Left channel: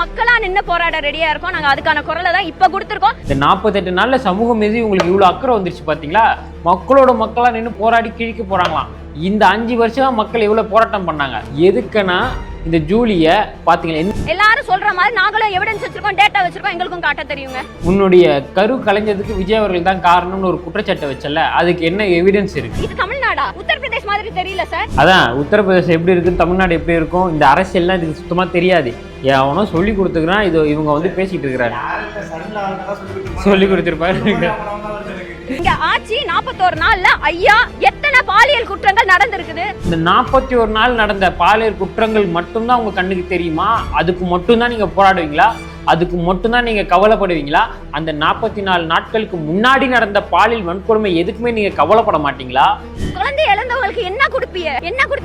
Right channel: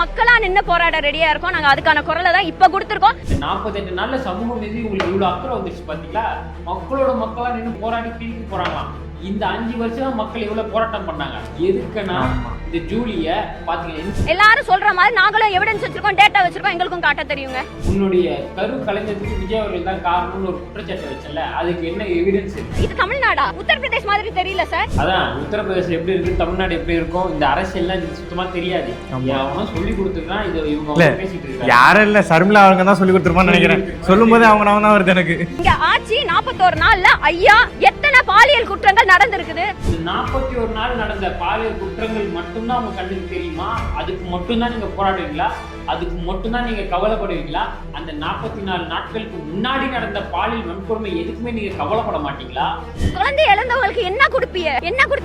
மக்களா நின்னு போராட ரெடியா இருக்கோம். நாங்க அதுக்கான குரலை தான் இப்ப கொடுத்திருக்கோம். இந்த 48 நாள்ல சமூகம் மீது உங்களுக்கு இவ்வளவு அக்கறை வந்துருச்சு பாத்தீங்களா? மக்களோட மக்களா நின்று போராடி கிழிக்க போறாங்களாம். இந்த 5 வருஷமா மக்கள் எவ்வளவு போராட்டம் பண்ணாங்க. எதுக்குன்னா இந்த ஜூலிய பாத்தீங்களா, எல்லாரும் சொல்ற மாதிரி நாங்களும் எவிடன்ஸ் வச்சிருக்கோம், டேட்டா வச்சிருக்கோம், எங்களுக்கும் காட்ட தெரியுங்க. உன்னுடைய கரு கலைஞதுக்கு விஜய் அவர்கள் தான் காரணம்னு ஒரு குற்றச்சாட்டை வச்சல, அதுக்கு என்ன எவிடன்ஸ் இருக்கு? இது தமிழ்நாடா உத்தரப்பிரதேஷ் மாதிரி தெரியல சார். அதான் உத்தரப்பிரதேசம் எப்படி இருக்கு, தமிழ்நாடு எப்படி இருக்கும், இந்த அரசியல்லாம் இது சுத்தமா தெரியாது. அவனும் சொல்லி கொடுத்துக்கிறான். இது இவங்க வந்து பேசிட்டு இருக்காங்க. யாரும் இல்ல, சர்மிளா அவங்க தான் சொல்லி கொடுத்துருப்பாங்க. சொல்லும்போது அவங்க தான் வருது எனக்கு. இங்க ஆட்சி 41 நாள்ல ஐயா எத்தனை பாலியல் குற்றங்கள் நடந்திருக்குது. இந்த 41 நாள் நடந்த பாலியல் குற்றங்கள் மட்டும்தான் உங்க கண்ணுக்கு தெரியுமா? அதுக்கு மட்டும்தான் நீங்க போராடுவீங்களா? அதுக்கு மட்டும்தான் நீங்க கவலைப்படுவீங்களா? அந்த 44 நாட்களுக்கு முன்னாடி நடந்த பாலியல் வன்கொடுமை எதுக்குமே நீங்க கவலைப்பட மாட்டீங்களா? குழந்தை இழந்தவங்களுக்கு என்ன கொடுப்பீங்க?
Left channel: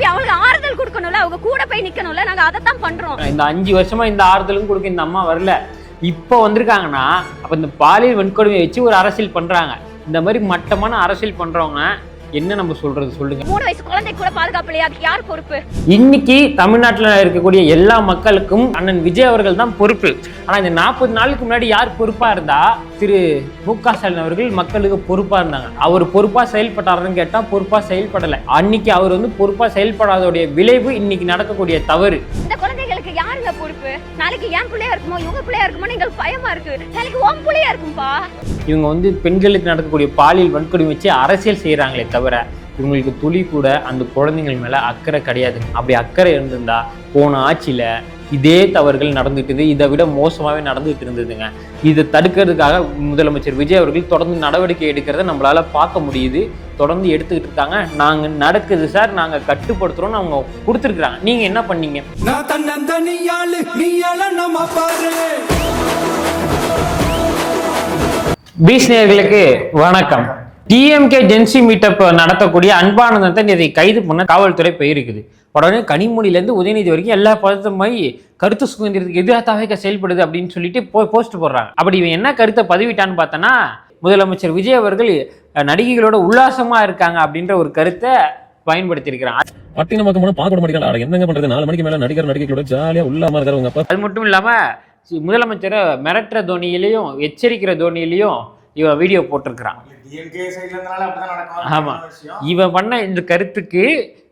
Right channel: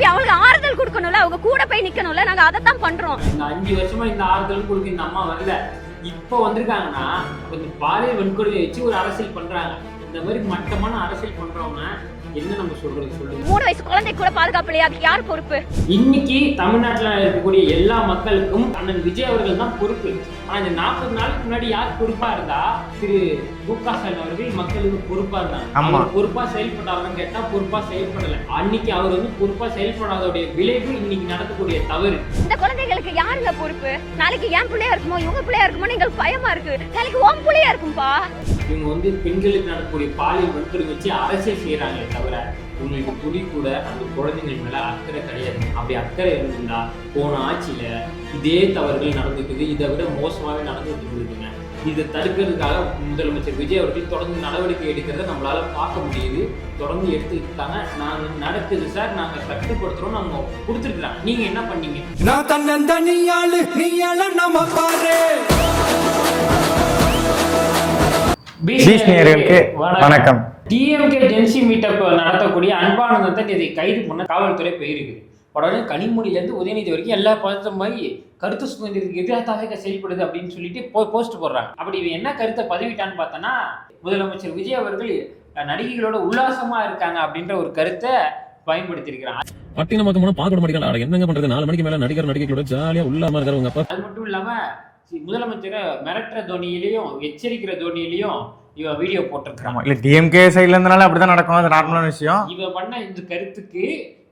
அவங்களுக்கு ஆறுதல் கொடுக்கணும்ல, அவங்க கூட போய் நிக்கணும்ல. நாங்க அதை தான் பண்றோம். இந்த 5 வருஷமா இந்த ஆறுதலும் கொடுக்க இந்த அம்மா வரல. இப்போ வந்திருக்காங்கன்னா அப்ப இந்த பாலியல் வன்கொடுமையை வச்சு ஒரு அரசியல் பண்றாங்க. இந்த மாதிரி மட்டமான அரசியல் பண்றவங்க என்ன நம்ம சொல்றது சொல்லுங்க? 3 வயசு குழந்தை கூட பாதுகாப்பு இல்லையா? அதுக்கு யார் பொறுப்பு? இன்னைக்கு தமிழ்நாட்டில் இருக்கக்கூடிய எல்லா மக்களுக்கும் அண்ணன் விஜய் அவர்கள் தான் பொறுப்பு. ஆனா இந்த 40 நாளுக்கு முன்னாடி யார் பொறுப்பா இருந்தா? திரு மு.க. ஸ்டாலின் அவர்கள் மக்களுக்கு பொறுப்பா இருந்தாங்க. அவர் பொறுப்பா செயல்பட்டாருன்னு கேட்டா பொறுப்பா செயல்படல. அன்னைக்கு அவர் வந்து பொறுப்பா செயல்படாதோடைய விளைவு இன்னைக்கு நடக்கக்கூடிய தவறு. இந்த குழந்தைகளுக்கு யாருங்க பொறுப்பு? நாளைக்கு என் பிள்ளையா இருக்குமோ, இவங்க பிள்ளையா இருக்குமோ எங்களுக்கு பயமா இருக்கு. நாளைக்கு உன் பிள்ளையா இருக்கும்பா. இவங்க வந்து பெண்களுக்கு நடக்கக்கூடிய பாலியல் வன்கொடுமை வச்சு அரசியல் செய்யறாங்களே தவிர இவங்களுக்கு துளி கூட அந்த குழந்தைகள் மேல அக்கறை கிடையாது. அப்படி அக்கறை இருந்திருந்தா போன ஆட்சியில இதே தவறுகள் நடந்துட்டு, இதை விட மோசமாவே நடந்துட்டு இருந்ததுங்க. இதை தடுக்கிறதுக்காக முதலமைச்சர் விஜய் அவர்கள் தொடர்ந்து நடவடிக்கை எடுக்கிறத நம்மளால பார்க்க முடியுது. தொடர்ந்து எடுத்துக்கிட்டு இருக்காங்க. நாங்க நடக்குது சார், நாங்க கட்டுப்படுத்துறோம்னு அவங்க கொடுத்துருக்காங்க. நீங்க என்ன பண்ணீங்க? வணக்கம். டிஎம்கே ஜென்சி மீட்டப் நடத்தக்கூடிய அன்பானந்தத்தை இதை கைது பண்ண காவல்துறை போயிருக்குது. உடனே கனிமொழியிலேருந்து உதயநிதி வரைக்கும் எல்லா பதத்தமாய் கருத்து சுதந்திரத்துக்கு எதிராக செயல்படுது அப்படின்னு சொல்லிட்டு போஸ்ட் போடுறாங்க. அப்படி இவன் என்ன கருத்தை பதிவிட்டான்னு பார்த்தோன்னா, முதலமைச்சர் விஜய் அவர்கள் நடிகைகளோட உல்லாசமா இருக்காங்க அப்படின்ற ஒரு கருத்தை பயன்படுத்தி இருக்கிறாங்க. என்னங்க பண்றது? 4 மணிக்கு மேல நடிகைகளோட ஜாலியா உள்ளாம இருக்காங்க. அது மட்டும் இல்லாம முதலமைச்சரை மிரட்டுற தோனியிலையும் எச்சரிக்கிற தோனியிலையும் இவன் வீடியோ போட்டிருக்கிறான். இல்ல டிஎம்கே சைட்ல இருந்தனால அப்படிதான் நடக்கும் விஷயம். இவன் பண்ண இந்த கருத்துக்கு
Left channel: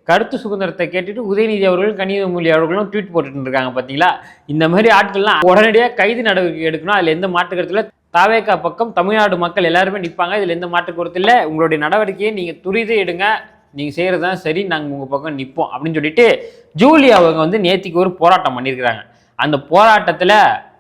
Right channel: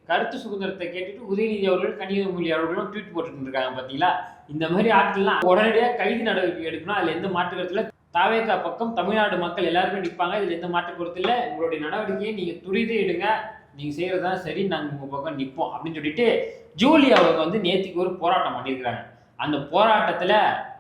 கருத்து சுதந்திரத்தை கேட்டுட்டு உதயநிதி அவர்களும் கனிமொழி அவர்களும் ட்வீட் போட்டுட்டு இருக்காங்க. பாத்தீங்களா? இந்த மாதிரி ஆட்கள்லாம் உடனடியாக கைது நடவடிக்கை எடுக்கணும். அதுல எந்த மாற்று கருத்துல தாவேகா பக்கம் தமிழ்நாடு மக்கள் எல்லாருமே நிற்பாங்க. இதுல எந்த மாற்று கருத்து இல்லை. உங்களுடைய நடவடிக்கையை நீங்க துரிது எடுங்க, நீங்க செய்யறதுதான் சரி, நாங்க உங்க பக்கம் நிற்போம் அப்படின்னு சொல்லிட்டு ஜூலி அவங்க வந்து நேத்திக்கு ஒரு போராட்டம் பண்ணியிருக்கிறாங்க. அந்த போராட்டத்துல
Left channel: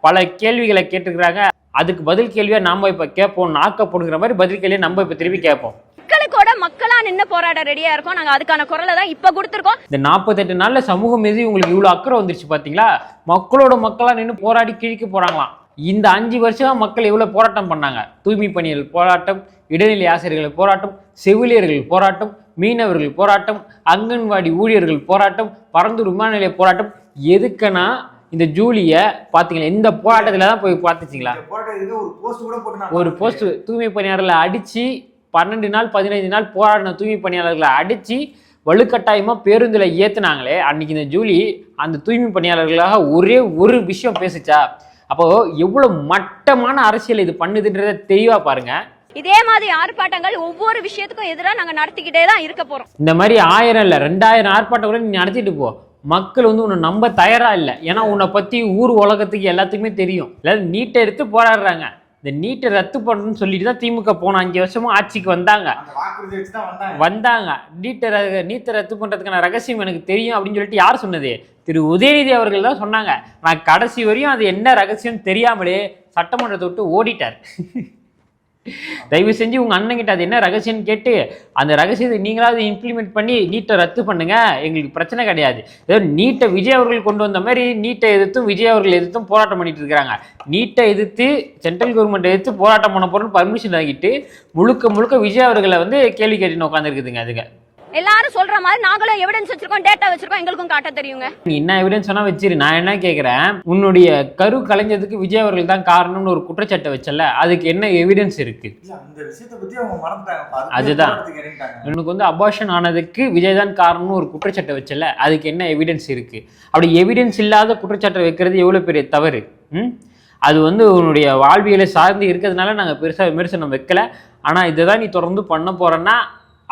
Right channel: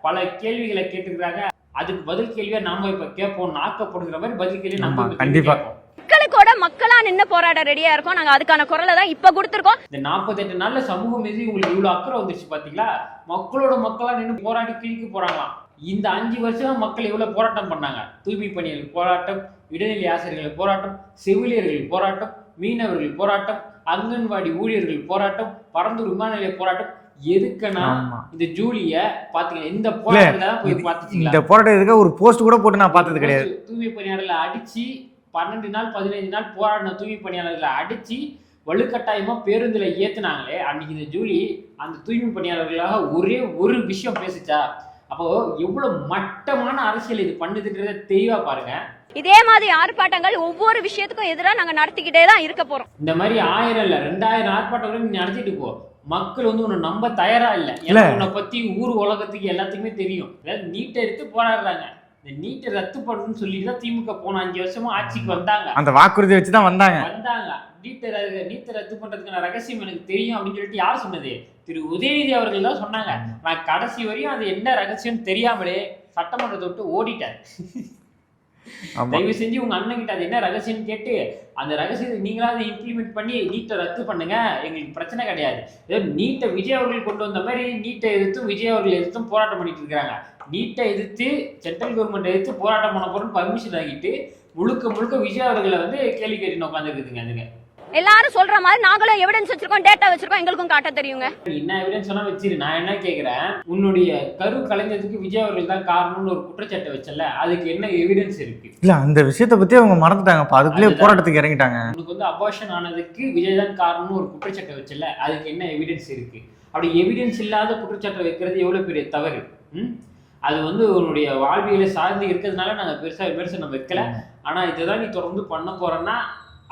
பல கேள்விகளை கேட்டுக்கிறாங்க. அதுக்கு பதில் கேள்வியா நாம இப்ப கேட்போம். நாக்கப்படுகிற மாதிரி பதில் கேள்வியை நம்ம இப்ப திரும்பி கேட்போம். மக்களுக்கோட மக்களா நின்னு போராட ரெடியா இருக்கோம். நாங்க அதுக்கான குரலை தான் இப்ப கொடுத்திருக்கோம். இந்த 48 நாள்ல சமூகம் மீது உங்களுக்கு இவ்வளவு அக்கறை வந்துருச்சு பாத்தீங்களா? மக்களோட மக்களா நின்று போராடி கிழிக்க போறாங்களாம். இந்த 5 வருஷமா மக்கள் எவ்வளவு போராட்டம் பண்ணாங்க. தூய்மை பணியாளர்கள் போராட்டம், இடைநிலை ஆசிரியர்கள் போராட்டம், செவிலியர்கள் போராட்டம், மீனவர்கள் போராட்டம், அங்கன்வாடி ஊழியர்கள் போராட்டம், பரந்தூர் விமான நிலைய போராட்டம். எதுக்குன்னா இந்த ஜூலிய பாத்தீங்களா? இந்த போராட்டத்துல தான் போய் பாத்துச்சீங்களா? இந்த போராட்டத்துக்கு ஒரு போஸ்ட் கூட போட்டு நான் பார்த்தது கிடையாது. தூய்மை பணியாளர்களை அடிச்சு 12 நாள் 15 நாள் போராடின தூய்மை பணியாளர்களை அடிச்சு வலுக்கட்டாயமா பேருந்துல ஏத்துனாங்களே அன்னைக்கு இந்த ஜூலி அந்த தூய்மை பணியாளர்களாக ஒரே ஒரு விஷயம் பேசிச்சா? அப்போ எவ்வளவு மட்டமான அரசியல் இது பண்ணுதுன்றத தெளிவா பாருங்க. இதே மாதிரி ஆர்ப்பாட்டங்கள் ஒவ்வொரு விஷயத்துக்கும் எதிராக நாங்க நடத்திக்கிட்டே தான் இருக்க போறோம். இந்த மாதிரி 1000 இல்ல 2000 ஆர்ப்பாட்டம் கூட நீ நடத்திட்டு போ. மக்கள் வந்து உன்னை நம்ப தயாரா இல்லை. ஏன்னா உன்னை பத்தி ஊர் உலகத்துக்கு எல்லாத்துக்குமே தெரியும். எல்லாரும் நீட்டை எடுத்து போராடுறாங்க. இந்த நீட்டை ரத்து பண்ணணும்னு சொல்லிட்டு தான் திமுக போன 5 வருஷமா ஆட்சிக்கு வந்தாங்க. அந்த வாக்குறுதி வச்சுதான் வந்தாங்க. நீட்டை ரத்து பண்றதுக்கான ரகசியம் எனக்கு தெரியும் அப்படின்னு சொல்லிட்டு யார் சொன்னது? திரு உதயநிதி அவர்கள் தான் சொன்னாங்க. நான் கடைசி வரையும் அது என்ன ரகசியம் தெரியாமலே சட்டமன்றத்தை விட்டு ஓடிட்டார். தயவு செஞ்சு உங்க அண்ணன் கிட்ட அது என்ன ரகசியம் கேட்டு அந்த ரகசியத்தை நீங்களாவது இம்ப்ளிமெண்ட் பண்ணி நீட்டை ரத்து பண்ணுங்க, எங்களுக்கு பிரச்சனை கிடையாது. ஏதோ நீட்டை விஜய் அவர்கள் கொண்டு வந்த மாதிரி நீட்டை எதிர்த்தும் விஜய் அவர்கள் எதிர்த்தும் போராட்டம் பண்ணிட்டு இருக்காங்க. நீட்டை எதிர்த்து சென்ட்ரல் கவர்மெண்ட் எதிர்த்து போராட்டம் பண்ண போறோம்னு பர்மிஷன் ஆகிட்டு முழுக்க விஜய் அவர்களை வந்து கேள்வி கேட்டுன்னு உட்காந்துருக்குதுங்க. அதுக்கு எல்லாரும் சொல்ற மாதிரி நாங்களும் எவிடன்ஸ் வச்சிருக்கோம், டேட்டா வச்சிருக்கோம், எங்களுக்கும் காட்ட தெரியுங்க. நீ என்ன எவிடன்ஸ் சொன்னா வச்சிரு. நான் என்ன கேக்குறேன், உன்னுடைய கரு கலைஞ்சதுக்கு விஜய் அவர்கள் தான் காரணம்னு ஒரு குற்றச்சாட்டை வச்சல, அதுக்கு என்ன எவிடன்ஸ் இருக்கு? இல்ல அந்த விஷயத்தை பத்தி அவங்க மறந்துட்டாங்க, அதுக்குள்ளே போராட்டத்துக்கு இறங்கிட்டாங்க. உனக்கு வந்து அபார்ஷன் ஆனதுக்கு விஜய் தான் காரணம்னு ஒரு குற்றச்சாட்டை வச்சல, அதுக்கு என்ன எவிடன்ஸ் இருக்கு? அப்படி எவிடன்ஸ் இல்லாத குற்றச்சாட்டை வைக்கிறது எவ்வளவு பெரிய தவறு. அது வந்து உன்னுடைய வாழ்வியலை சார்ந்து இருக்கிறதுனால நாங்கள் பெருசாக விமர்சனம் வைக்கல. ஆனால் இதை தான் நீ தொடர்ந்து பண்ண போறேன்னா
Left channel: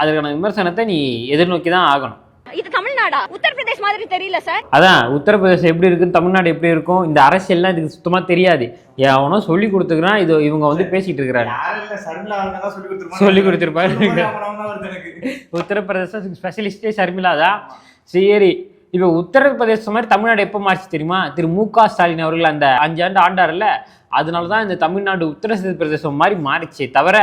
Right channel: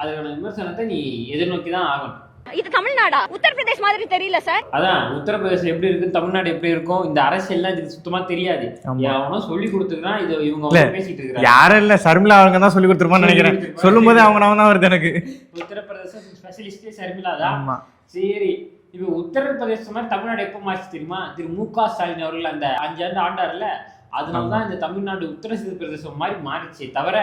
அதுக்கான விமர்சனத்தை நீ எதிர்நோக்கி தான் ஆகணும். இது தமிழ்நாடா? உத்தரப்பிரதேஷ் மாதிரி தெரியல சார். அதான் உத்தரப்பிரதேசம் எப்படி இருக்கு, தமிழ்நாடு எப்படி இருக்கும், இந்த அரசியல்லாம் இதுக்கு சுத்தமா தெரியாது. அவனோ சொல்லி கொடுத்துக்கிறான், இது இவங்க வந்து பேசிட்டு இருக்கிறாங்க. யாரும் இல்ல, சர்மிளா அவங்க தான் சொல்லி கொடுத்துருப்பாங்க. சொல்லும் போது அவங்க தான் வருது எனக்கு. உத்தரப்பிரதேச ஸ்பெஷலிஸ்டே சர்மிளா தான். சரி, இப்போ உத்தரப்பிரதேசம் மாதிரி தமிழ்நாடு எப்போ மாறிச்சு தெரியுமா? திரு மு.க. ஸ்டாலின் அவர்கள் அந்த 5 ஆண்டு ஆண்டார்ல, அதனாலதான் இந்த தமிழ்நாடு உத்தரப்பிரதேசம் மாதிரி மாறிச்சு. தவிர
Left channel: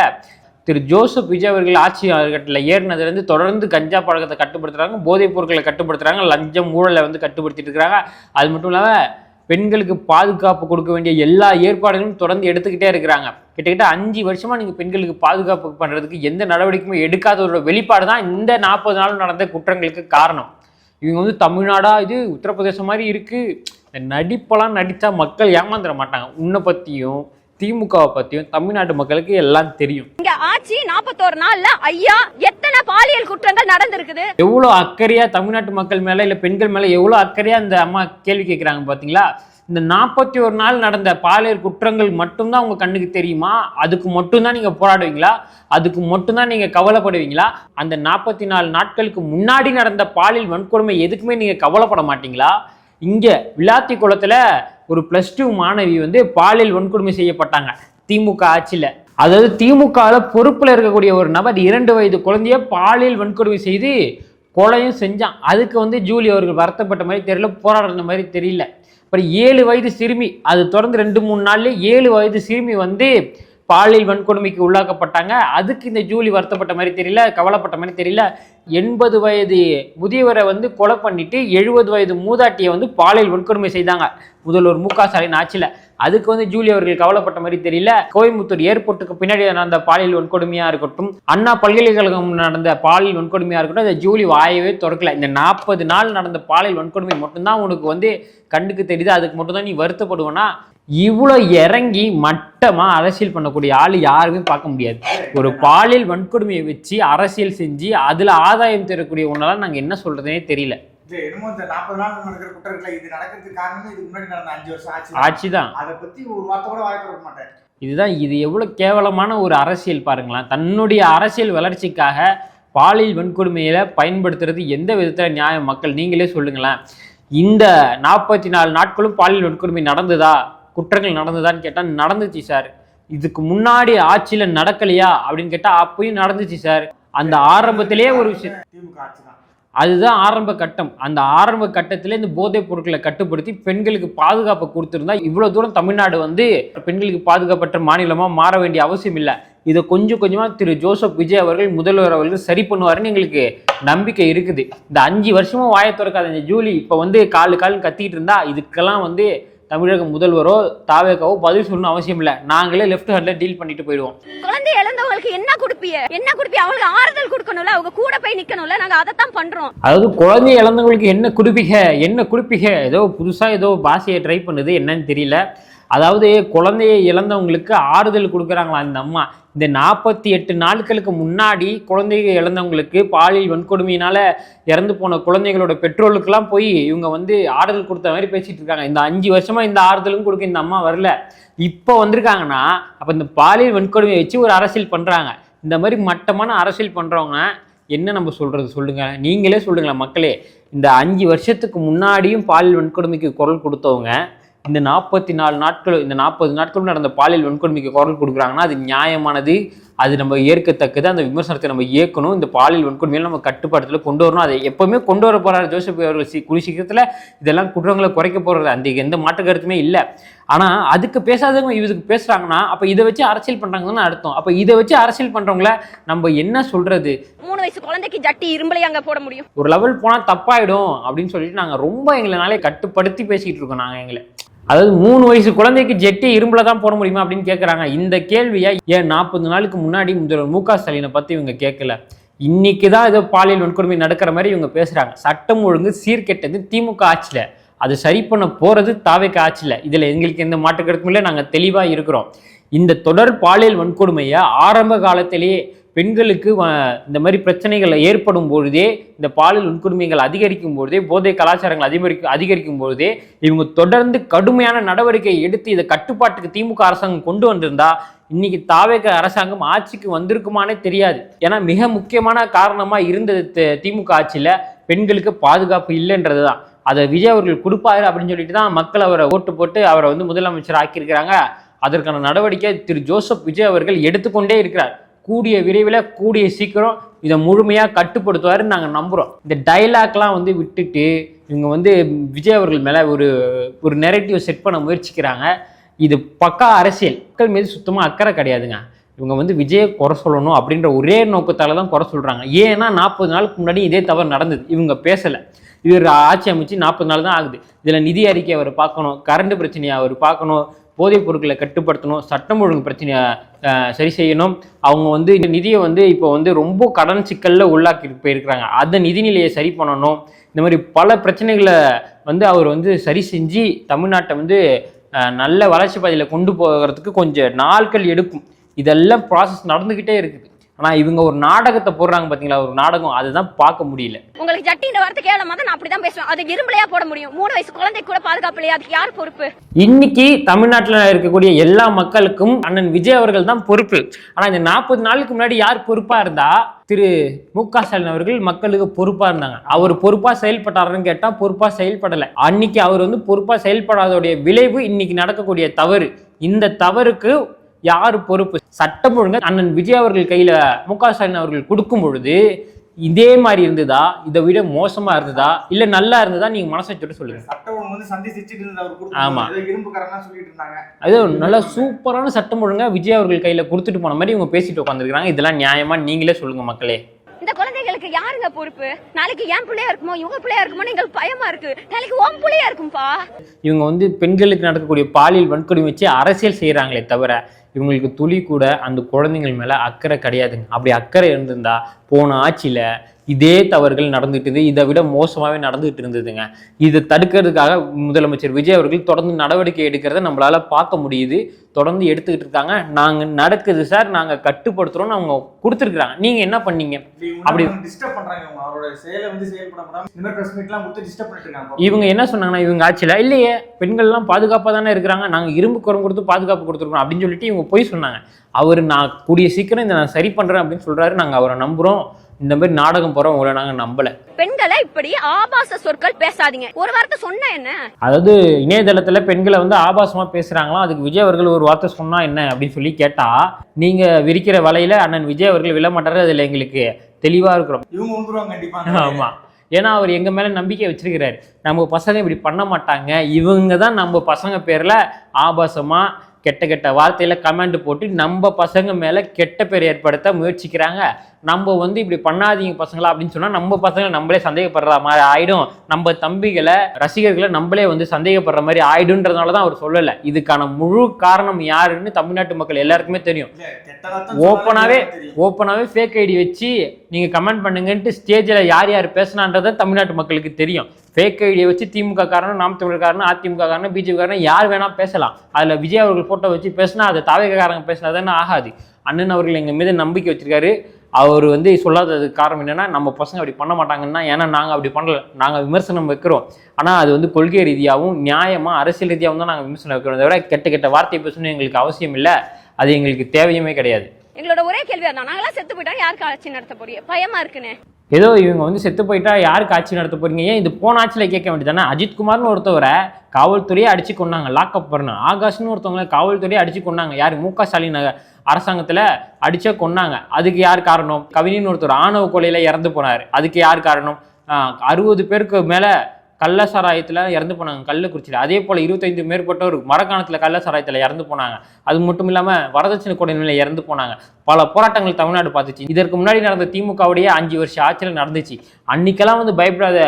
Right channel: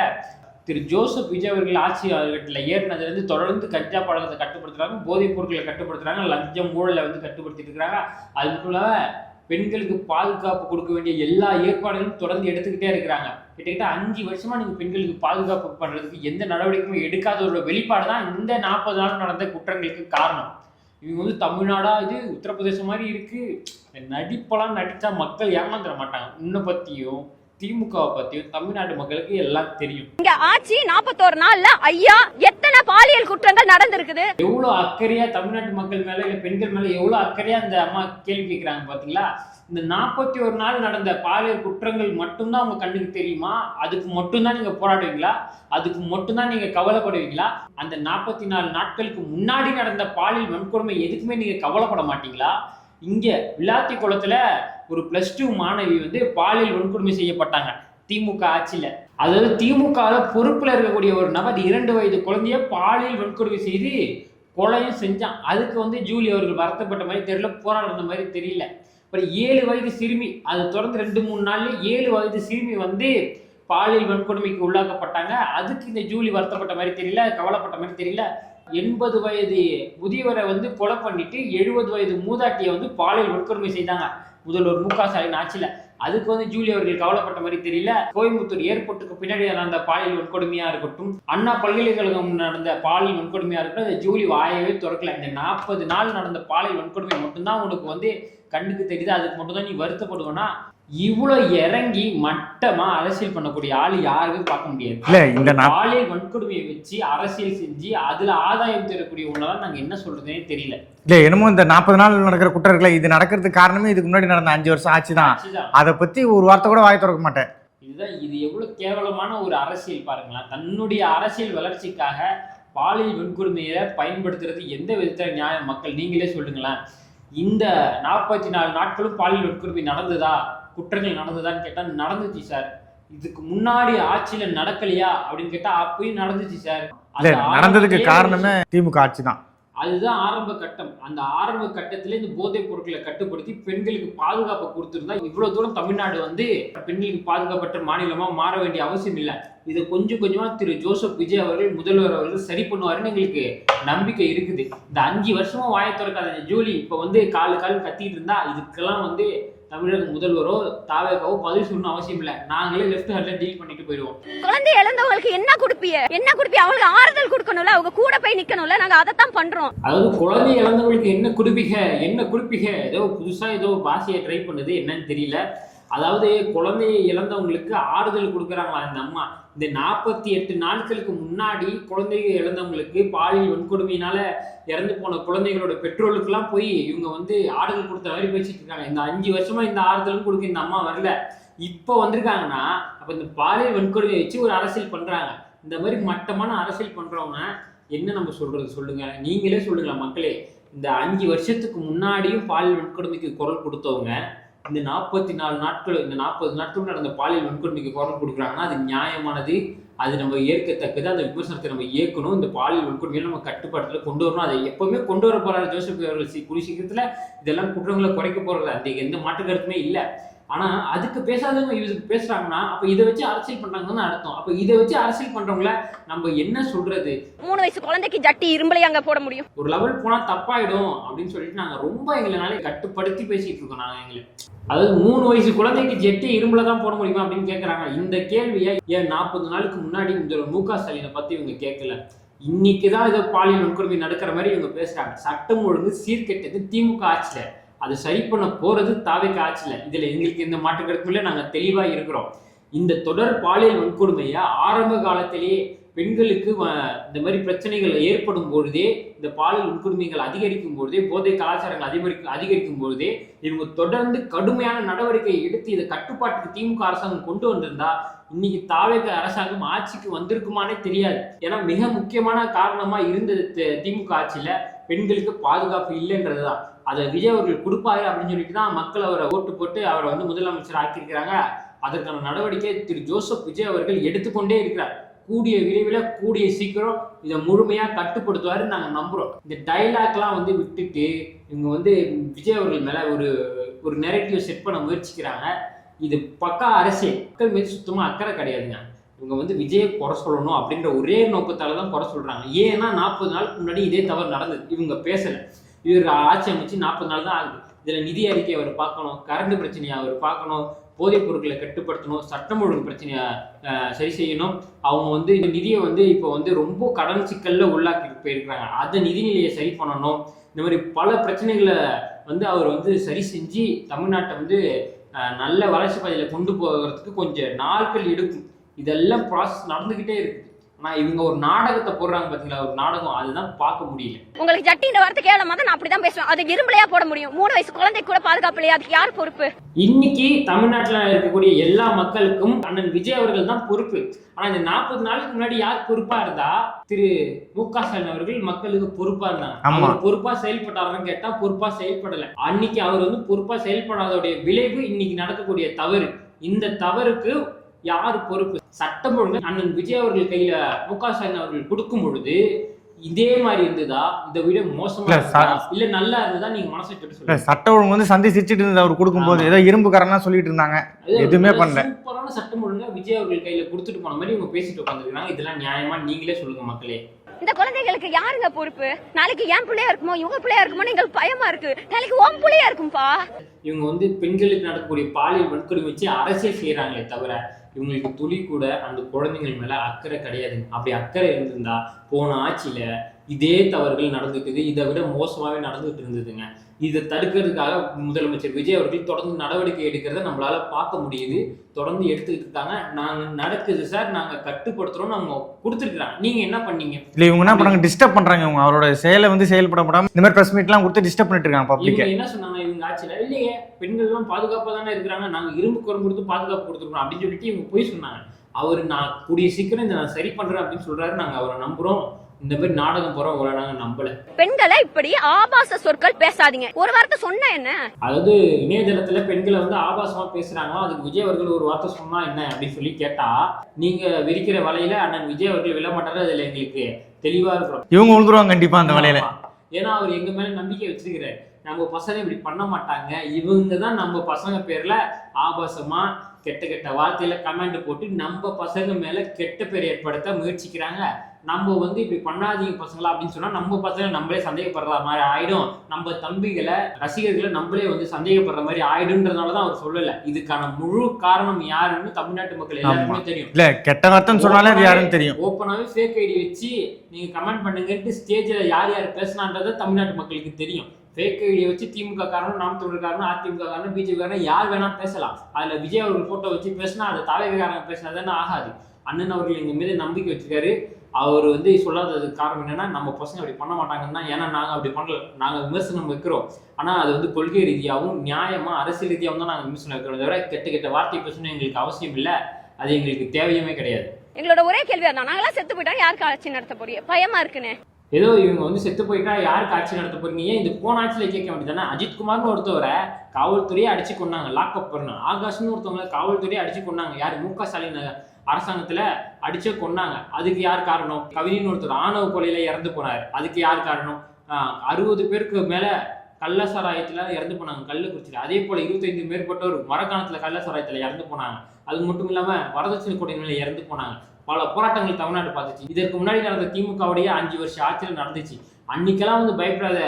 திரு ஜோசப் விஜய் அவர்கள் ஆட்சி காலகட்டத்தில் ஏறினதுலேருந்து தொடர்ந்து கஞ்சா பழக்கத்தை கட்டுப்படுத்துறாங்க, போதைப் பொருட்களை கட்டுப்படுத்துறாங்க, லஞ்சம் ஊழலை வந்து கட்டுப்படுத்திட்டு இருக்கிறாங்க. அது மட்டும் இல்லாமல் பெண்களுக்கு பாதுகாப்பு கொடுக்க வேண்டிய எல்லா ஏற்பாடுகளும் தொடர்ந்து எடுத்துக்கிட்டே இருக்கிறாங்க. கிட்டத்தட்ட 5 வருஷமா நீங்க பெண்களுக்கு பாதுகாப்பு பண்றதுக்கு எந்த நடவடிக்கையும் எடுக்காத ஒரு வெளிப்பாடு தான் இந்த 40 நாள் நடந்த குற்றங்களுக்கு காரணம். இவங்க வந்து தமிழ்நாடா இது உத்தரப்பிரதேசம் மாதிரி இருக்கு, நடிப்பெல்லாம் நடிச்சா மக்கள் ஏமாந்துட மாட்டாங்க. உன்னை பத்தியும் திமுகவை பத்தியும் தமிழ்நாட்டு மக்களுக்கு எல்லாம் தெரியும். இங்க ஆட்சி 41 நாள்ல ஐயா எத்தனை பாலியல் குற்றங்கள் நடந்திருக்குது. எவ்வளவு அக்கறையா தமிழ்நாட்டு மக்கள் மேல இல்ல பெண்கள் மேல எவ்வளவு அக்கறையா இந்த அம்மா கேள்வி கேட்கிறாங்க பாத்தீங்களா? இந்த 41 நாள் நடந்த பாலியல் குற்றங்கள் மட்டும்தான் உங்க கண்ணுக்கு தெரியுமா? அதுக்கு மட்டும்தான் நீங்க போராடுவீங்களா? அதுக்கு மட்டும்தான் நீங்க கவலைப்படுவீங்களா? அந்த 44 நாட்களுக்கு முன்னாடி நடந்த பாலியல் வன்கொடுமை எதுக்குமே நீங்க கவலைப்பட மாட்டீங்களா? இங்க விளாத்தி குளத்துல ஒரு +2 மாணவி வந்து பாலியல் வன்கொடுமை செய்யப்பட்டாங்க திமுக ஆட்சியில. அதாவது திமுக பொறுப்புல இருக்கக்கூடிய ஒரு நபர் 2 வயது குழந்தைய பாலியல் வன்கொடுமை செய்து கொலையும் செஞ்சான். அதுக்கு வந்து ஜூலி அவர்கள் வருத்தப்பட்ட மாதிரி தெரியல, போராடுற மாதிரி தெரியல. அப்புறம் 7 வயது சிறுமி, அது தொடர்ந்து 2-3 நாள்ல 7 வயது சிறுமி வந்து பாலியல் வன்கொடுமைக்கு உள்ளாக்கப்பட்டாங்க. அதுக்கு இந்த ஜூலி வருத்தப்பட்ட மாதிரி தெரியல, கவலைப்பட்ட மாதிரி தெரியல. 80 வயது முதியவரை வந்து கொலை பண்ணிட்டு 70 வயது மூதாட்டியை வந்து பாலியல் வன்கொடுமை செய்தாங்க முதல்வர் மு.க. ஸ்டாலின் ஆட்சியில. அதுக்கு வந்து ஜூலி அவர்கள் கவலைப்பட்ட மாதிரி தெரியல. கோயம்புத்தூர் ஏர்போர்ட்டுக்கு பின்னாடி நடந்த பாலியல் வன்கொடுமையா இருக்கட்டும், அண்ணா பல்கலைக்கழகம் நடந்த பாலியல் வன்கொடுமையா இருக்கட்டும், அந்த ஜூலி வாயவே திறக்கல. இந்த 40 நாள் நடந்த பாலியல் வன்கொடுமை மட்டும்தான் உனக்கு வந்து கண்ணுக்கு தெரியுது, அதுக்கு மட்டும் தான் நீ வருத்தப்படுவேன்னா? இவ்வளவு இறங்கி மட்டமா அரசியல் பண்ணக்கூடிய ஆளு யாருமே பார்க்க முடியாது. ஒரு பாலியல் வன்கொடுமையை வச்சு அரசியல் செஞ்சு அதுல ஆதாயம் தரக்கூடிய ஒன்னால நாங்க என்ன சொல்றதுனே தெரியல. இல்ல என்னமோ இந்த 40 நாள் நடக்கிற குற்றங்களை இது நடக்கிறதுக்கு காரணமே இதுக்கு முன்னாடி நடந்த 5 வருஷம் ஆட்சிதான். அதை பத்தி ஒரு வார்த்தை கூட வாய் திறக்க மாட்டேன். இது எவ்வளவு கேவலமான ஒரு அரசியல் பாருங்களேன். தன்னுடைய அரசியல் வளர்ச்சிக்காக பாலியல் வன்கொடுமையில பயன்படுத்துறது எந்த விதத்துல நியாயம்? மக்கள் நீங்களே சொல்லுங்களேன். இந்த 44 நாட்களும் பாலியல் வன்கொடுமை நடந்ததா, குற்றங்கள் நடந்ததான்னு கேட்டா நடந்துச்சு சார். இதுக்கு முன்னாடி ஆட்சியில நடக்கலையா அப்படின்னு கேட்டா அப்பயும் நடந்துச்சு சார். அந்த ஆரம்பத்திலேயே திமுக ஆட்சி தான், அதுதான் ஆரம்ப கட்டம். அந்த ஆரம்ப கட்டத்திலே இந்த போதைப் பொருட்களை கட்டுப்படுத்தி பெண்களுக்கு பாதுகாப்பை கொடுத்திருந்தா இவ்வளவு தூரம் தமிழ்நாடு வந்து பெண்களுக்கு பாதுகாப்பற்ற மாநிலமா மாற வேண்டிய அவசியம் இல்லை. இதை கொஞ்சம் கொஞ்சமா திரு ஜோசப் விஜய் அவர்கள் முதல்வர் அவர்கள் சரி பண்ணுவாருன்னு எங்களுக்கு நம்பிக்கை இருக்குது. இந்த 5 வருஷமா வாயை திறக்காத இந்த ஜூலி இப்ப வந்து காலு கத்திட்டு இருந்தா இதுக்கெல்லாம் வந்து தமிழக முதல்வரோ தாவேக்காவோ பதில் சொல்லணும் அவசியம் இல்லை. நாங்களே லெஃப்ட் ஹேண்ட்ல டீல் பண்ணிட்டு போயிடுவோம். குழந்தை இழந்தவங்களுக்கு என்ன கொடுப்பீங்க? அவங்களுக்கு ஆறுதல் கொடுக்கணும்ல, அவங்க கூட போய் நிக்கணும்ல. நாங்க அதைத்தான் பண்றோம். அதாவது குழந்தை இழந்தவங்களுக்கு என்ன குடுப்பீங்க ஏதோ புதுசா ஏதோ பாஷையை ட்ரை பண்ணுது, என்னன்னு தெரியல. அதாவது குழந்தையை இழந்தவங்களுக்கு ஆறுதல் கொடுக்குறாங்களா இந்த அம்மா? இந்த 48 நாட்களுக்கு முன்னாடி குழந்தைகள் இழந்தவங்களுக்கு பாலியல் வன்கொடுமையினால இறந்து போன குழந்தைகளோட பெற்றோர்களுக்கெல்லாம் போய் இவங்க வந்து ஆறுதல் கொடுத்த மாதிரி பேசிட்டு இருக்காங்க. இந்த 5 வருஷமா இந்த ஆறுதலும் கொடுக்க இந்த அம்மா வரல. இப்போ வந்திருக்காங்கன்னா அப்ப இந்த பாலியல் வன்கொடுமையை வச்சு ஒரு அரசியல் பண்றாங்க. இந்த மாதிரி மட்டமான அரசியல் பண்றவங்க என்ன நம்ம சொல்றது சொல்லுங்க, நீங்களே சொல்லுங்களேன் மக்களே. இந்த 5 வருஷத்துக்கு முன்னாடியும் பாலியல் வன்கொடுமைக்கு குரல் கொடுத்தவங்க இந்த 44 நாட்கள், இந்த 40 நாட்களும் நடந்த பாலியல் வன்கொடுமைக்கு குரல் கொடுக்குறாங்கன்னா அது நியாயமானது, அது நம்ம ஏற்கத்தக்கது. அந்த விமர்சனத்தை நம்ம ஏற்கணும். இந்த பாலியல் வன்கொடுமையில நம்ம கட்டுப்பாட்டுல கொண்டு வரணும். அதை எப்பவுமே கொண்டு வர போறாரு ஜோசப் அவர்கள். கூடிய சீக்கிரத்துல இதெல்லாம் குற்றங்களை குறைக்க போறது, அந்த எந்த மாற்று கருத்துமே இல்லை. ஆனா அதுக்கு பேசாதவங்க இதுக்கு பேசுறாங்கன்னா அப்ப இதை வச்சு அரசியல் பண்றாங்கன்னு அர்த்தம். அப்ப இதை வச்சு அரசியல் பண்றவங்கள நம்ம என்ன சொல்றது? 3 வயசு குழந்தைக்கு ஜட்டி இரும்பலையா அங்க போட முடியும்? ஒரு லெவல் போனா தப்பாயிடும் அப்படின்னு சொல்லிட்டு நாங்க ரொம்ப எங்களாலே கட்டுப்படுத்தி பேசிட்டு இருக்கோம். நாங்க எங்களை அதாவது 3 வயசு குழந்தைக்கு ஜெட்டி இரும்புல தான் போட முடியுமா அப்படின்னு கேட்கறாங்க. இந்த கேள்வியை ஏன் 40 நாளுக்கு முன்னாடி முதல்வர் மு.க. ஸ்டாலினை பத்தி இவங்க கேட்கல? இன்னைக்கு தான் ஏதோ பாலியல் வன்கொடுமை நடக்கிற மாதிரி இவங்க பேசுறாங்க. சட்டம் ஒழுங்கு சீர்கெட்டது திமுக ஆட்சியில, அது சரி பண்ண போறது தாவேக ஆட்சியில. இதுல எங்களுக்கு எந்த மாற்று கருத்தும் இல்லை, நாங்க தெளிவா இருக்கிறோம். இந்த தொடர் பாலியல் வன்கொடுமையை ஆரம்ப காலத்திலேயே பெண்களுக்கு இந்த மாதிரி பிரச்சனைகள் ஏற்படும் பொழுதே, இந்த பாலியல் வன்கொடுமைகள் அதிகரிக்கும் பொழுதே, போதை கலாச்சாரங்கள் அதிகரிக்கும் பொழுதே இவங்க தொடர்ந்து கடுமையான நடவடிக்கை எடுத்து இதை கட்டுப்பாட்டுக்கு திமுக அரசாங்கம் கொண்டு வந்திருந்தா இன்னைக்கு தாவேக அரசாங்கம் ஆட்சிக்கு வந்திருக்குமானே தெரியாது. ஏன்னா மிக முக்கியமான காரணமா இருந்தது திமுக ஆட்சியில பெண்களுக்கு பாதுகாப்பு இல்லைன்றது தான். அதை விஜய் அவர்கள் கொடுப்பாரு அப்படின்னு சொல்லிட்டு தான் மக்கள் அவரை ஓட்டு போட்டு அவரை வந்து முதலமைச்சர் ஆக்கியிருக்கிறாங்க. அதற்கான நடவடிக்கை திரு ஜோசப் விஜய் அவர்கள் எடுத்துக்கொண்டே இருக்கிறார். கூடிய விரைவில் கூடிய சீக்கிரம் இதை முழுமையாக கட்டுப்படுத்துவாருன்னு நாங்கள் நம்புகிறோம். இந்த டைலாக்லாம் வந்து விட்டுட்டு இவங்க வந்து விஜய் அவர்கள் மேலே ஒரு நெரேட்டிவ் செட் பண்ண முயற்சிக்கிறாங்க. இது பக்கா அரசியல். மக்கள் மீது சுத்தமாக அக்கறை கிடையாதுங்க. இவங்க வந்து விஜயை குறை சொல்லணும் அப்படின்ற ஒரே நோக்கத்தால் தான் குறை சொல்கிறாங்க. ஏன்னா 40 நாளுக்கு முன்னாடி இதே தவறு நடந்தது, இவங்க பேசலை. இவர் ஆட்சி அமைச்சு 40 நாள் தான் ஆகுது. இதில் நிதி அறிக்கை அவர் பார்க்கணும், கரண்ட் பிரச்சனையை அவர் பார்க்கணும், போதைப் பொருட்களை கட்டுப்படுத்தணும், சட்டம் ஒழுங்கு பிரச்சனையை சரி செய்யணும். அவங்க வந்து இந்த நிதியை வந்து இப்போ வந்து ரொம்ப கடன் சிக்கலில் உள்ளாக்கி போயிருக்கிறாங்க, அந்த நிதிநிலையை சரி பண்ணணும். இந்த மாதிரி பல பிரச்சனைகளை வந்து அவர் வந்து சரி செஞ்சு தமிழ்நாட்டை வந்து நல்ல வளர்ச்சி பாதையில் கொண்டு போகிறதுக்கு கொஞ்சம் நாட்கள் எடுக்கும். இதெல்லாம் ப்ராசஸ் நடந்துக்கிட்டே இருக்குது. ஆனால் இவங்க ஒரு நாடகத்தை போடுறாங்க பார்த்தீங்களா, ஒரு நாடகம், அதுதான் பார்க்க முடியல. உங்களுக்கு ஜட்டின்ற வார்த்தை கேளும் போது நான் அப்படிதான் பேசுவேன். அது இரும்பலையா போட முடியும்? 3 வயசு குழந்தை கூட பாதுகாப்பு இல்லையா? அதுக்கு யார் பொறுப்பு? இன்னைக்கு தமிழ்நாட்டில் இருக்கக்கூடிய எல்லா மக்களுக்கும் அண்ணன் விஜய் அவர்கள் தான் பொறுப்பு. ஆனால் இந்த 40 நாளுக்கு முன்னாடி யார் பொறுப்பா இருந்தா? திரு மு.க. ஸ்டாலின் அவர்கள் மக்களுக்கு பொறுப்பா இருந்தாங்க. அவர் பொறுப்பா செயல்பட்டாருன்னு கேட்டா பொறுப்பா செயல்படலை. அன்னைக்கு அவர் வந்து பொறுப்பா செயல்படாதோடைய விளைவு இன்னைக்கு நடக்கக்கூடிய தவறு. இந்த தவறுக்கு யாரு பொறுப்பு? சட்டம் ஒழுங்கு அண்ணன் விஜய் அவர்கள் கையில மு.க. ஸ்டாலின் அவர்கள் கொடுக்கும் பொழுது இதே மாதிரி இருந்ததா, இதை விட மோசமா இருந்ததா, இல்ல நல்லா இருந்ததா? நீங்க மனசை சொல்லிட்டு சொல்லுங்க. சட்டம் ஒழுங்கு வந்து சந்தி சிரிச்சிட்டு இருந்தது அவர் கொடுக்கும்போது, ஏதோ இரும்புக்காரன்லாம் சொல்லிட்டு இருந்தாங்க. அது சூப்பரான சட்டம் ஒழுங்கா விஜய் அவர்கள் கையில கொடுத்துட்டு போன மாதிரி இவங்க பேசிட்டு உட்காந்துருக்காங்க. இதெல்லாம் நியாயமா? நீங்களே சொல்லுங்க மக்களே. இந்த குழந்தைகளுக்கு யாருங்க பொறுப்பு? நாளைக்கு என் பிள்ளையா இருக்குமோ, இவங்க பிள்ளையா இருக்குமோ எங்களுக்கு பயமா இருக்கு. நாளைக்கு உன் பிள்ளையா இருக்கும்பா. இவங்க வந்து பெண்களுக்கு நடக்கக்கூடிய பாலியல் வன்கொடுமை வச்சு அரசியல் செய்யறாங்களே தவிர இவங்களுக்கு துளி கூட அந்த குழந்தைகள் மேல அக்கறை கிடையாதுங்க. அப்படி அக்கறை இருந்திருந்தா போன ஆட்சியில இதே தவறுகள் நடந்துட்டு, இதை விட மோசமாவே நடந்துட்டு இருந்ததுங்க. இதை தடுக்கிறதுக்காக முதலமைச்சர் விஜய் அவர்கள் தொடர்ந்து நடவடிக்கை எடுக்கிறத நம்மளால பார்க்க முடியுது. தொடர்ந்து எடுத்துக்கிட்டு இருக்காங்க. நாங்க நடக்குது சார், நாங்க கட்டுப்படுத்துறோம்னு அவங்க கொடுத்துருக்காங்க. நீங்க என்ன பண்ணீங்க? இல்ல இவங்க டிஸ்டர்ப் பண்றாங்க. இவங்க அவரோட செயலை வந்து செயல்படாம இந்த மாதிரி பிரஸ் மீட்லாம் கொடுத்து டிஸ்டர்ப் பண்ணிட்டு இருக்காங்க. இவங்க என்ன சொன்னாங்கன்னா, இவங்க ஆட்சியில இல்லையே பெண்கள் எல்லாம் பாதுகாப்பா தானே இருக்கிறாங்க, நாங்க இரும்பு குரம் கொடுத்து பாதுகாப்பு கொடுத்துருக்கோம் அப்படின்னு சொல்லிட்டு இவங்க போய் சொன்னாங்க. அவர் நான் கூடிய சீக்கிரம் இதை நான் சரி பண்றேன் அப்படின்னு சொல்றாரு. நாங்க அவரை நம்புறோம். இந்த மாதிரி நாடகம் போறோம், உங்களை நாங்க நம்பல. பெண்களை இப்படி ஆபாச சொற்கள் பேசாதீங்க. ஒரு வார்த்தை சொன்னா என்ன? அதாவது இணையதளத்துல பெண்களை வந்து ஆபாசமா பேசுறாங்களா, அதுக்கு விஜய் அவர்கள் ஒரு வார்த்தை சொன்னா என்ன அப்படின்னு சொல்லி கேட்டா, நீங்க விரிக்கிற வலையில அண்ணன் விஜய் அவர்கள் விழமாட்டாரு. அதுல எங்களுக்கு தெளிவா இருக்கிறோம். இவங்க உழுதுருவாங்க கண்டிப்பா அந்த வலையில. ஏன்னா அவர் எங்க மேல நம்பிக்கை வச்சிருக்கிறாரு. நம்ம பசங்க இப்படி பண்ண மாட்டாங்க, இவங்க தான் நம்ம பசங்க பேர்ல ஆபாசமா கெட்ட கெட்ட வார்த்தையில கமெண்ட் போட்டு நம்ம பசங்க மேல கெட்ட பேர் ஏற்படுத்த முயற்சிக்கிறாங்க. நம்ம வந்து இப்படி பண்ணாதீங்க பசங்களா அப்படின்னு சொன்னா நம்ம பசங்க நம்மளே சந்தேகப்படுற மாதிரி ஆயிடும். நம்ம தம்பிகளை ரசிகர்களை நம்மளே வந்து சந்தேகப்படுற மாதிரி ஆயிடும்ன்றதுனாலதான் அவர் சொல்லல. இதுக்கான முழு காரணம் யாருன்னு தமிழ்நாட்டு மக்கள் எல்லாருக்குமே தெரியும். இல்ல கெட்ட வார்த்தை தெரியும். ஓப்பனாவே ஃபேக் ஐடி வச்சு நீங்க கமெண்ட் பண்ணுங்கன்ட்டு ஸ்டேஜ்ல யார் யார் பேசினான்றத தமிழ்நாட்டு மக்களுக்கு தெரியும். ஃபேக் ஐடியை வச்சு திமுக காரணம், நாம் தமிழர் காரணம், அதிமுக காரணம், பிஜேபி காரணம் யார் வேணாலும் பேசலாம். அதுல விஜய் அவர்கள் போட்டோ வச்சு பேசினா அது தாவேக காரங்க பேசினா தானே ஆகாது. அண்ணன் அவர்கள் எங்க மீது நம்பிக்கை வச்சிருக்காரு. அவர் வந்து சொல்லாததுக்கு காரணம் என்னன்னா, நம்ம பசங்க அப்படி பண்ண மாட்டாங்கன்னா, ஏன்னா நாங்கள் அப்படி பண்ணல, நாங்கள் விமர்சனம் வைக்கிறோம். ஆனால் அது வந்து கொள்கை ரீதியாகவும் நியாயமாக அரசியல் ரீதியாகவும் தான் நாங்கள் விமர்சனம் வைக்கிறோம். தவிர கெட்ட கெட்ட வார்த்தை பேசணும் எங்களுக்கு அவசியம் இல்லை, அது எங்களுக்கு தேவையுமே கிடையாது. எங்களோட ஒரே கேள்வி அதான், நாங்களாம் செத்து போயிட்டா யாருக்கு ஆட்சி நடத்த போறீங்க? பயமா இருக்குன்னு. ஏதோ இவங்க வந்து செத்து போயிட்டா யாருக்கு ஆட்சி நடத்த போறீங்க? ஏன் இது போன ஆட்சியில் கேட்க வேண்டியதானே? அஜித்குமார்னு ஒருத்தவரை காவல்துறையை அடிச்சு கொண்டாங்க, லாக்அப் பண்ண. ஆகாஷ்னு ஒருத்தவங்களை காவல்துறையை அடிச்சு கொண்டாங்க. யார்? மு.க. ஸ்டாலின் அரசாங்கத்துல அடிச்சா கொண்டாங்க. அதுக்கு யார் காரணம்? கவிஞன் ஒருத்தர் ஆணவ கொலையில இறந்து போனாரு. அதுக்கு யார் காரணம்? 60 பேருக்கு மேல கள்ளசாராயத்துல இறந்து போனாங்க கள்ளக்குறிச்சியில. அதே போல 25 மேற்பட்டோர் மரக்காணத்துல கள்ளசாராயத்துல இறந்து போனாங்க. அது மட்டும் இல்லாம வரதட்சணை கொடையில இறந்து போனாங்க. பல போராட்டங்கள் தமிழ்நாடு பார்த்துச்சு. இதற்கு முன்னாடி நடந்த திமுகவுடைய 5 வருஷ ஆட்சியில் நடந்துச்சு. அன்னைக்கெல்லாம் வந்து பயப்படாத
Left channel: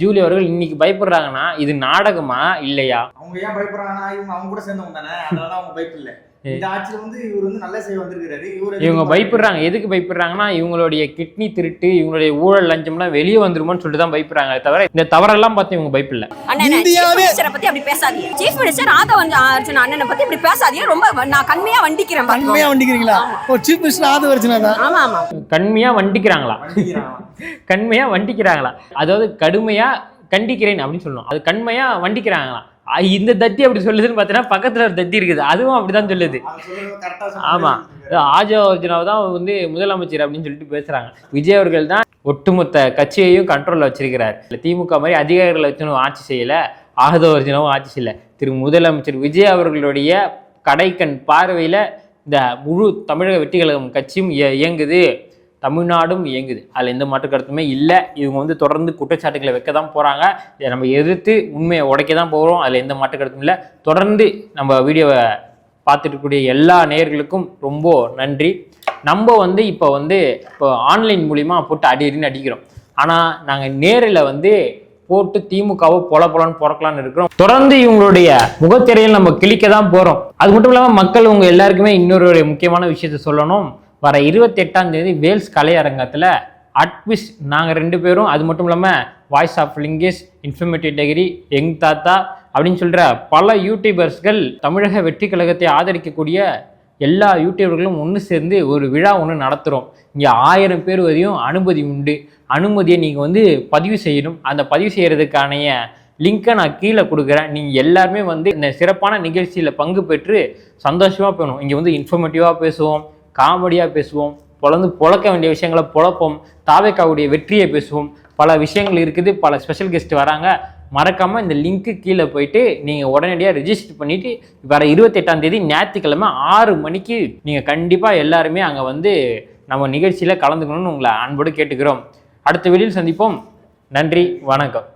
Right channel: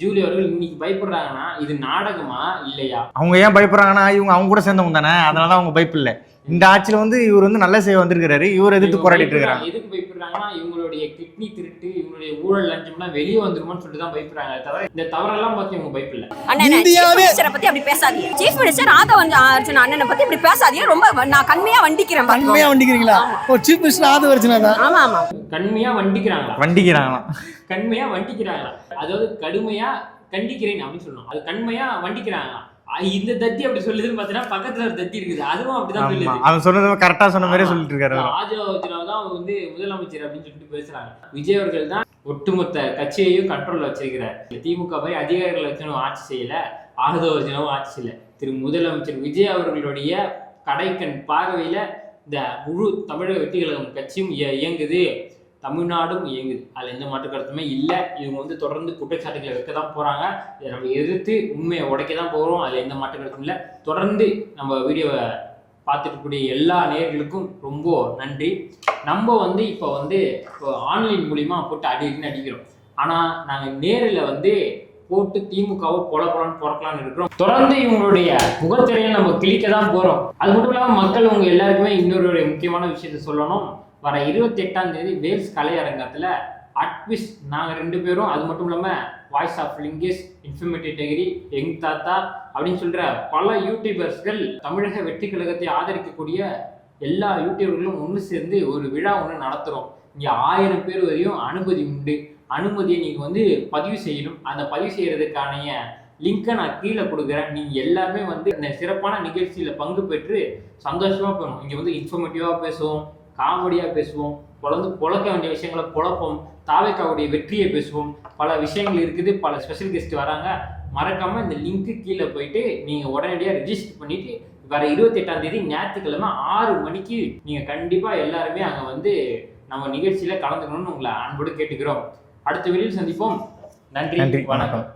ஜூலி அவர்கள் இன்னைக்கு பயப்படுறாங்கன்னா இது நாடகமா இல்லையா? அவங்க ஏன் பயப்படுறாங்கன்னா அவங்க கூட சேர்ந்தவங்க தானே, அதனால அவங்க பயப்பில்லை. இந்த ஆட்சியில இவர் நல்ல செய்ய வந்திருக்காரு. இவங்க பயப்படுறாங்க. எதுக்கு பயப்படுறாங்கன்னா இவங்களுடைய கிட்னி திருட்டு, இவங்களுடைய ஊழல் லஞ்சம்லாம் வெளியே வந்துருமோன்னு சொல்லிட்டு தான் பயப்படுறாங்க. தவிர இந்த தவறெல்லாம் பார்த்து இவங்க பயப்பில்லை. மினிஸ்டரை பத்தி அப்படி பேசாதீங்க. சீஃப் மினிஸ்டர் ஆதவ அர்ஜுனா அண்ணனை பத்தி இப்படி பேசாதீங்க. ரொம்ப நான் கண்மையா வண்டிக்கிறேன். கண்மையா வண்டிக்கிறீங்களா? ஓ, சீஃப் மினிஸ்டர் ஆதவ அர்ஜுனா தான். ஆமா ஆமா. கண்மையா வண்டிக்கிறாங்களா? கண்மையா வண்டிக்கிறாங்களா? அதாவது கடுமையா கண்டிக்கிறேன் அப்படின்னு சொல்லணும். அது கண்மையா வண்டிக்கிறாங்களா? இந்த தத்தி அப்படி சொல்லுதுன்னு பார்த்தீங்கன்னா பக்கத்துல ஒரு தத்தி இருக்குது, அதுவும் அப்படிதான் சொல்லுது. அவன் சொன்னது கரெக்டா சொன்ன மாதிரி சொல்லிட்டு இருக்காரு. ஆதவ அர்ஜுனாவை தான் முதலமைச்சர் அப்படின்னு சொல்லிட்டு பேசுறாங்க. விஜய் அவர்கள் தான் ஒட்டுமொத்த கட்சியையும் கண்ட்ரோல்ல வச்சிருக்கிறார். திமுக மாதிரி அதிகாரிகளை வச்சு ஆட்சி செய்யல, ஆதவ அர்ஜுனாவும் ஆட்சி செய்யல. முதலமைச்சர் விஜய் அவர்களுடைய கடைக்கண் பார்வையில இந்த முழு தமிழக வெற்றி கழகம் கட்சியும் இயங்குது, தமிழ்நாடும் இயங்குது. அதில் எந்த மாற்று கருத்துமே இல்லை. இவங்க தொடர்ந்து குற்றச்சாட்டுகளை வைக்க தான் போகிறாங்க. இதை நம்ம எதிர்த்து உண்மையை உடைக்க தான் போகிறோம். அதில் எந்த மாற்று கருத்தும் இல்லை. தொடர்ந்து நம்ம வீடியோவை பார்த்துட்டு இருக்கக்கூடிய எல்லா நேயர்களுக்கும் ரொம்ப நன்றி. நம்ம இப்போ ஆன்லைன் மூலிமா போட்டு அடின்னு அடிக்கிறோம். ஆனால் நாங்கள் நேரில் போட்டு திமுகவை பொலன்னு பிறக்கலான்னு இருக்கிறோம். தொடர்ந்து இவங்களுடைய முகத்திரையில் நம்ம கிளிக்க தான் போகிறோம். அது மட்டும் இல்லாமல் மக்கள் உங்கள் எல்லாருக்குமே இன்னொரு முக்கியமான விஷயத்த சொல்லணும். வர 28ஆம் தேதி வேல்ஸ் கலையரங்கத்தில் அட்விஸ் நாங்கள் 2 பேரும், அது மட்டும் இல்லாமல் வாய்ஸ் ஆஃப் லிங்கிஸ், இன்ஃபர்மேட்டிவ் டிகிரி, யங் தாத்தா அப்படின்னு சொல்கிற பல யூடியூபர்ஸ்கள், தமிழக வெற்றி கழகத்தை ஆதரிக்கக்கூடிய எல்லா யூடியூபர்களும் ஒன்று சேர்ந்து ஒரு விழா ஒன்று நடத்துகிறோம். இங்கே 1000 பேர் வரையும் அனுமதி உண்டு. அனுமதியை நீங்கள் பதிவு செய்யணும். அந்த பதிவு செய்கிறதுக்கான லிங்கை நான் கீழே கொடுக்குறேன். நீங்கள் எல்லாருமே இந்த சிறப்பான நிகழ்ச்சியில் பங்கு பெற்று சந்தோஷமாக போகணும். இங்கே இன்ஃபர்மேட்டிவாக பேசுவோம், காமெடியாக பேசுவோம், பொழக்க வேண்டிய விஷயங்களை பொழப்போம், தாவேக்காவுடைய வெற்றியை பேசுவோம். பல விஷயங்கள் இருக்குது, பல ஸ்பெஷல் கெஸ்ட் வராங்க. மறக்காமல் இந்த லிங்க்கு கீழே போயிட்டு நீங்கள் உடனடியாக ரெஜிஸ்டர் பண்ணிவிட்டு வர 28ஆம் தேதி ஞாயிற்றுக்கிழமை 6 மணிக்கு நீங்கள் கண்டிப்பாக எல்லாருமே அங்கே நம்ம நிகழ்ச்சியில் கலந்துக்கணும்னு உங்களை அன்போடு கேட்டுக்கிறோம். அடுத்த வீடியோவில் சந்திப்போம். நன்றி, வணக்கம்.